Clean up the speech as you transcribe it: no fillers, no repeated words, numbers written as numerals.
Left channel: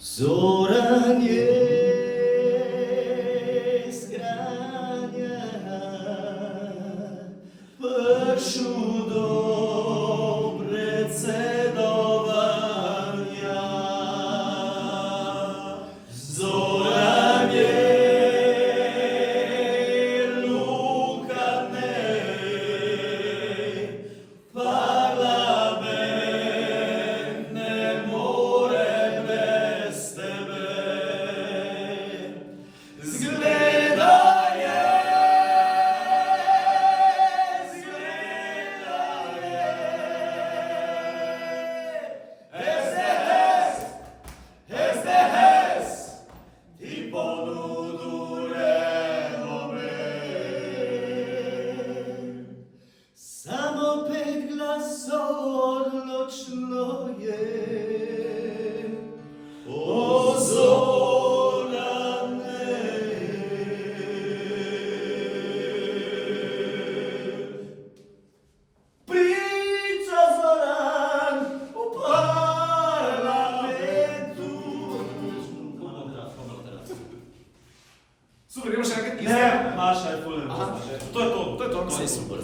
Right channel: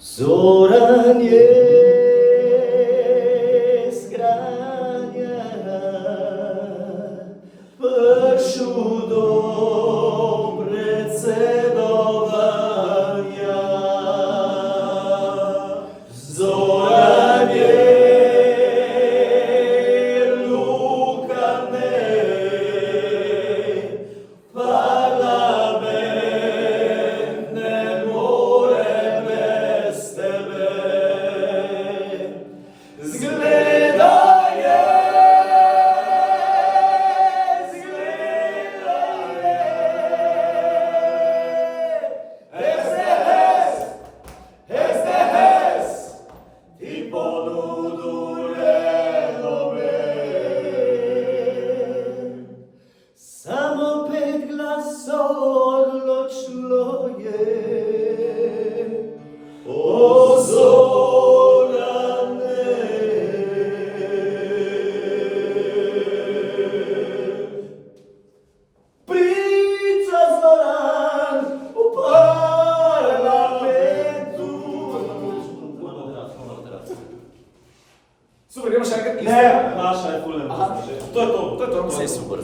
Zora nie zgrania Peszczu dobre cedowania Zora nie lukane Parlamentne more bez tebe Zgledaje, hes, ti ponudure dobe Samo pet glasov odločilo je O Zorane Priča Zoran u parlamentu Super, imaš jakat? Ne, Maša je fulano. To je to. Sve super.